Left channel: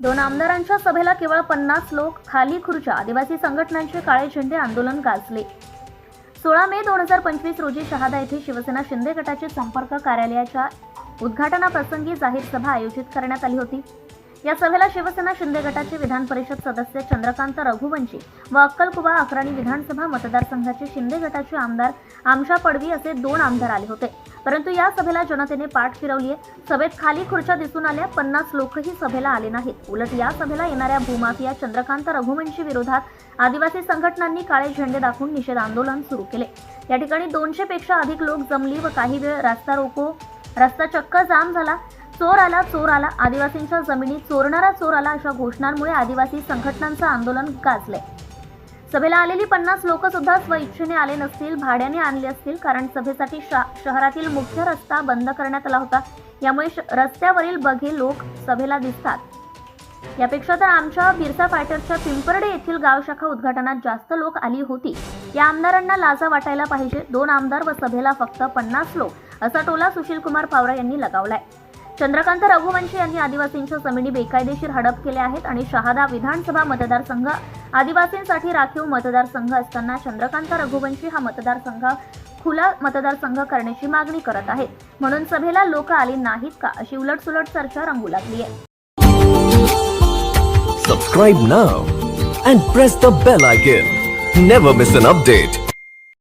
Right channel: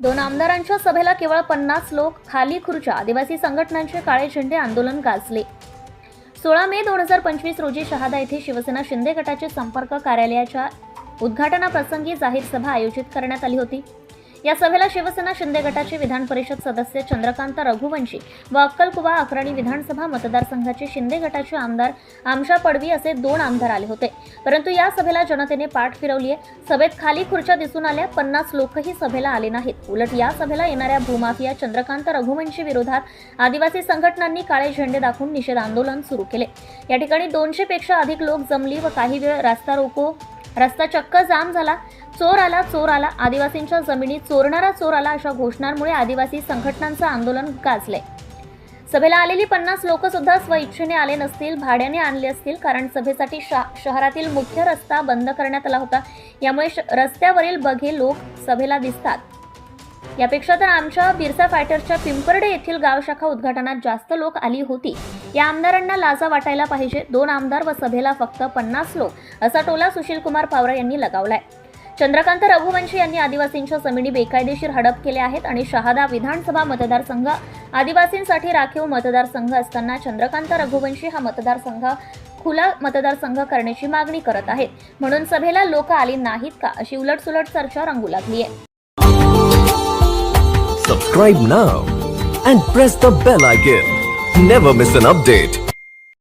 दोन आमदारांच्या सभेला केवळ पन्नास लोक खाली खुर्च्या आदिवासी संघटनांचे काळे झेंडे आंदोलन गाजले. सोळा मे दोन हजार पंचवीस रोजी शहादा येथे शिवसेना शिंदे गटाचे संपर्क कार्यालयाच्या उद्घाटनाप्रसंगी जाहीर सभा आयोजित करण्यात आली होती. या सभेला शिवसेना शिंदे गटाचे विधान परिषद सदस्य चंद्रकांत रघुवंशी व अक्कलकुवा अक्राणी विधानसभा मतदारसंघाचे शिंदे गटाचे आमदार आमशा पडवी असे दोन आमदार आले होते. परंतु या सभेला जनतेने पाठ फिरवली आहे सभेत खाली खुर्च्या दिसून आल्या. पन्नास लोकही सभेला आले नाहीत. उलट या सभेला येणाऱ्या भूमाफिया चंद्रकांत रघुवंशी विरोधात आदिवासी संघटनांनी काळे झेंडे दाखवून निषेध आंदोलन सुरू केले. या ठिकाणी दोनशे पेक्षा अधिक लोक जमली व काही वेळ रस्ता रोको रस्ता चक्क जाम झाला. चोर आला चोर आला. आदिवासींच्या जमिनी चोरणारा चोर आला अशा घोषणांमुळे आदिवासी संघटनांचं आंदोलन गाजलंय. सभेला आलेली पन्नास लोक सुद्धा स्वइच्छेने आले नसतील भाड्याने आणले असतील कारण सभेसाठी शा शहरातील मुख्य रस्ता बंद करण्यात आला होता. यामुळे श- रस्त्यावरील बघे लोक सभेला दिसतात. यापेक्षा तर आमच्या बिरसा फायटर्सच्या पिंपर्डे येथील गाव शाखा उद्घाटनात जास्त लोक आली होती. या आमदारांना लाजा वाटायला पाहिजे. दोन आमदार व सभेला फक्त पन्नास लोक असा टोला सुशील कुमार पावरा यांनी लगावलाय. चंद्रकांत रघुवंशी यांनी आदिवासींच्या जमिनी बेकायदेशीर हडप केल्या आहेत आणि शहादा विधानसभा मतदारसंघ आदिवासींसाठी राखीव मतदारसंघ असताना चंद्रकांत रघुवंशी हा मतदारसंघ खुला मतदारसंघ करण्याची मागणी करत आहेत. म्हणून सभेला लोक आली नाहीत का अशी उलटसुलट चर्चा रंगू लागली आहे. Subscribe now and press the bell icon never miss an update